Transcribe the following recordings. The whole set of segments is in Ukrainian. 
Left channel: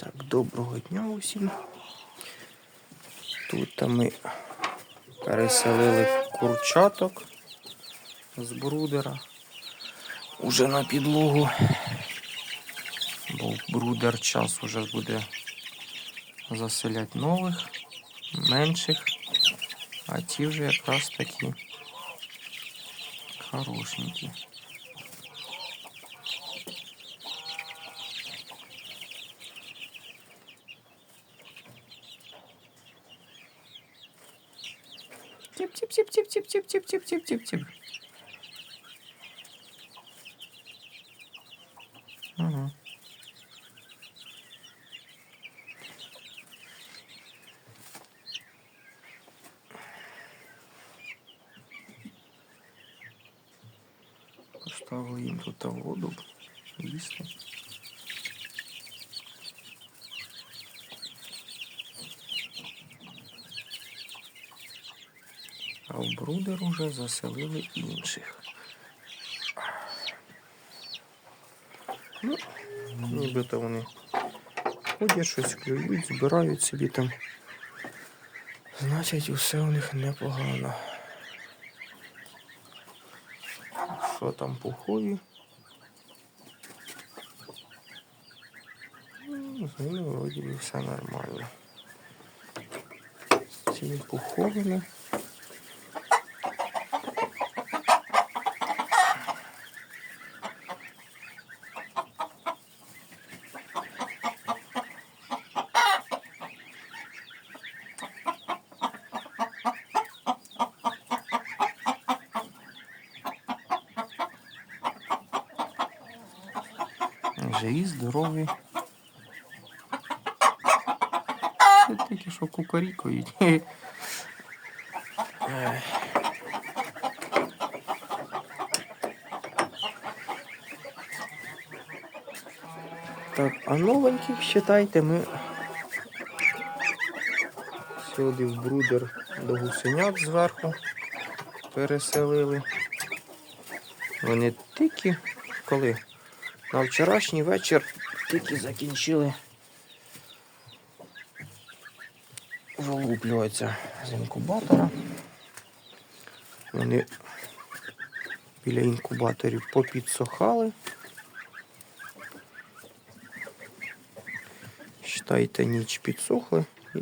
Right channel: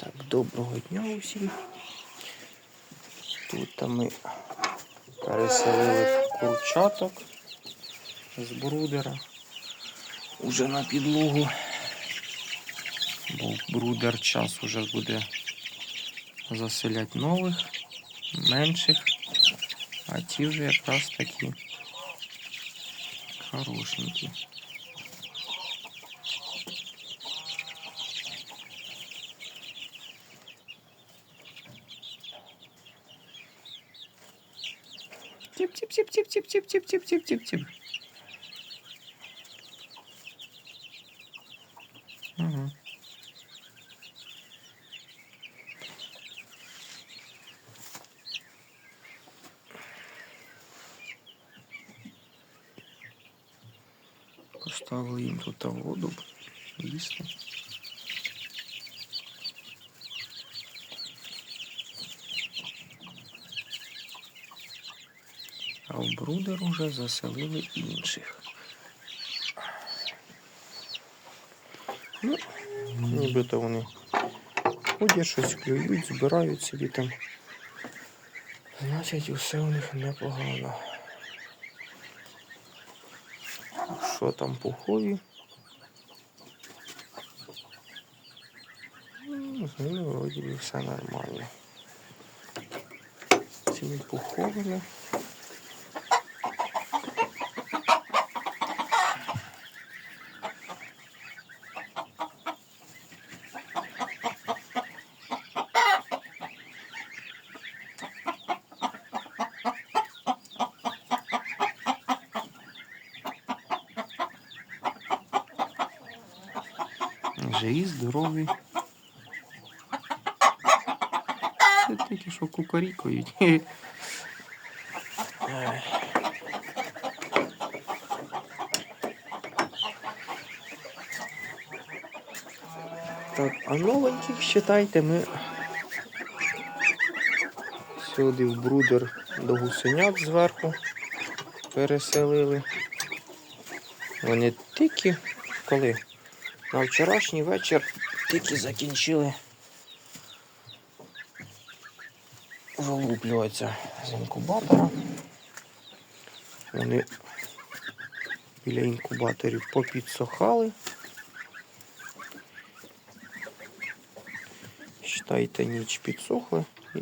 Так, доброго дня усім. Тут ми переселили курчаток з брудера уже на підлогу. Бо брудер час уже буде заселяти нових, менших, а ті вже якраз такі хорошенькі. Тип-тип-тип-тип-тип-тип-тип-тип-тип-тип. Ага. Поставили їм тут воду їсти. А в брудер уже заселили інших. Ну, нібито вони ходять, щось клюють, збирають собі там. Значить, усе у них непогано. Що там пухові? Ну, З ними вроді все нормально. Цими пуховими. Живі, здорові. Це такі, що кукарікають. Ой. Так, а новеньких считайте ми сюди в брудер до гусенят зверху переселили. Вони тільки коли на вчорашній вечір тільки закінчили вилуплюватися з інкубатора. Вони біля інкубаторів попідсохали. Считайте, ніч підсохли і,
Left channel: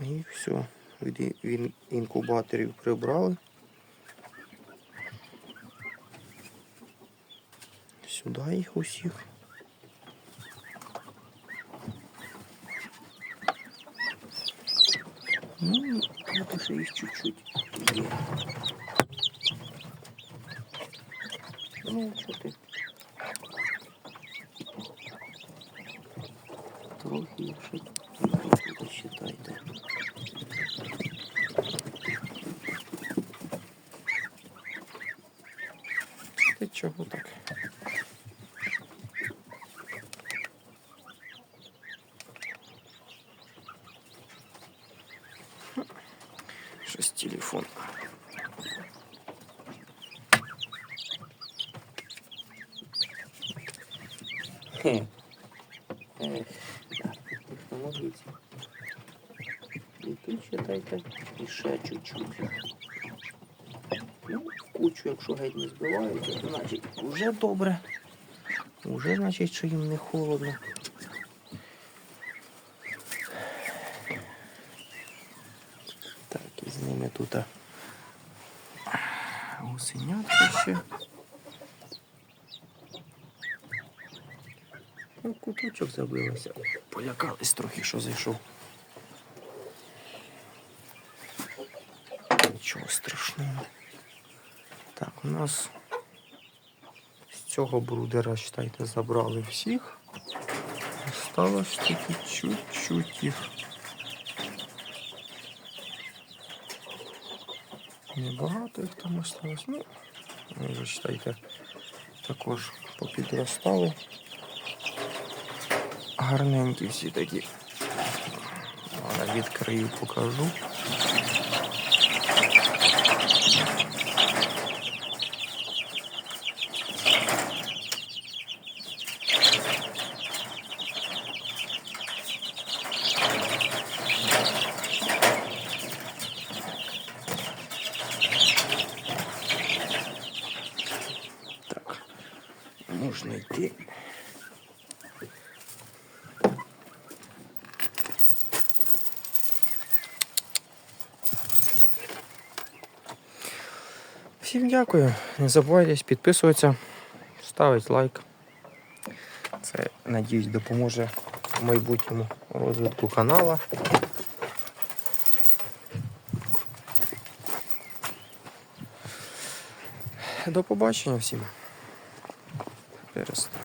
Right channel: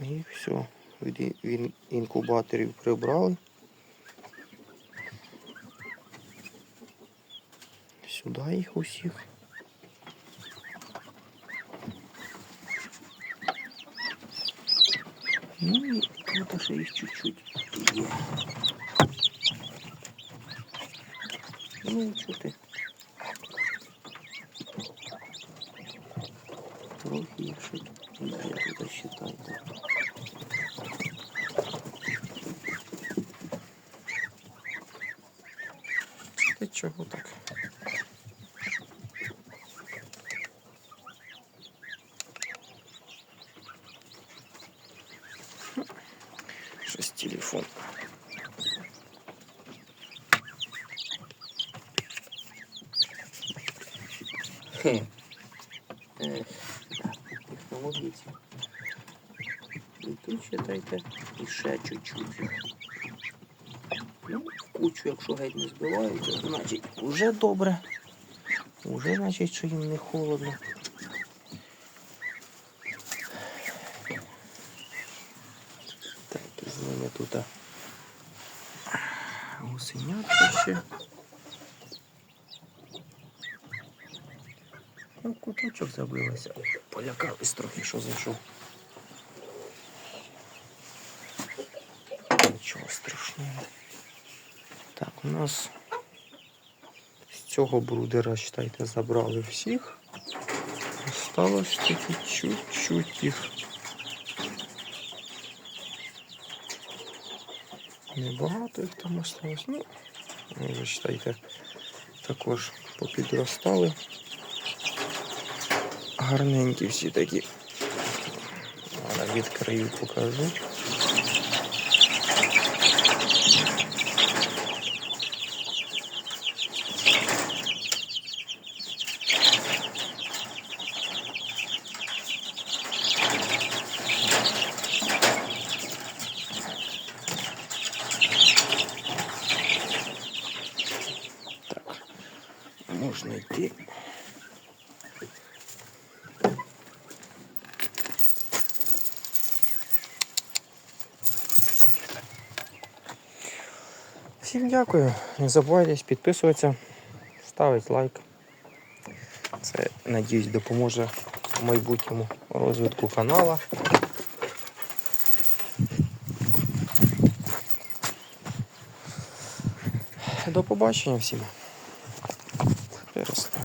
і все. Від інкубаторів прибрали. сюди їх усіх. Ну, вот ще їх чуть-чуть є. Ну, чути. Трохи якщо досчитайте. Та чого так? Щось телефон. Хе. Ех, молодець. І тут считайте, ще чуть-чуть. Ну, в кучу, якщо геть не збивають, то значить вже добре. Уже значить, що їм не холодно. Так, і з ними тут а, гусенятки ще. Ну, куточок забилося. Полякались трохи, що зайшов. Нічого страшного. Так, у нас з цього брудера, считайте, забрали всіх. Осталось тільки чуть-чуть їх. Небагато їх там осталось. Ну, ви читайте, також попідростали. Гарненькі всі такі. Відкрию, покажу. Можна йти. Всім дякую. Не забувайте підписуватися, ставити лайк. Це, надіюсь, допоможе в майбутньому розвитку канала. До побачення всім. Перестань.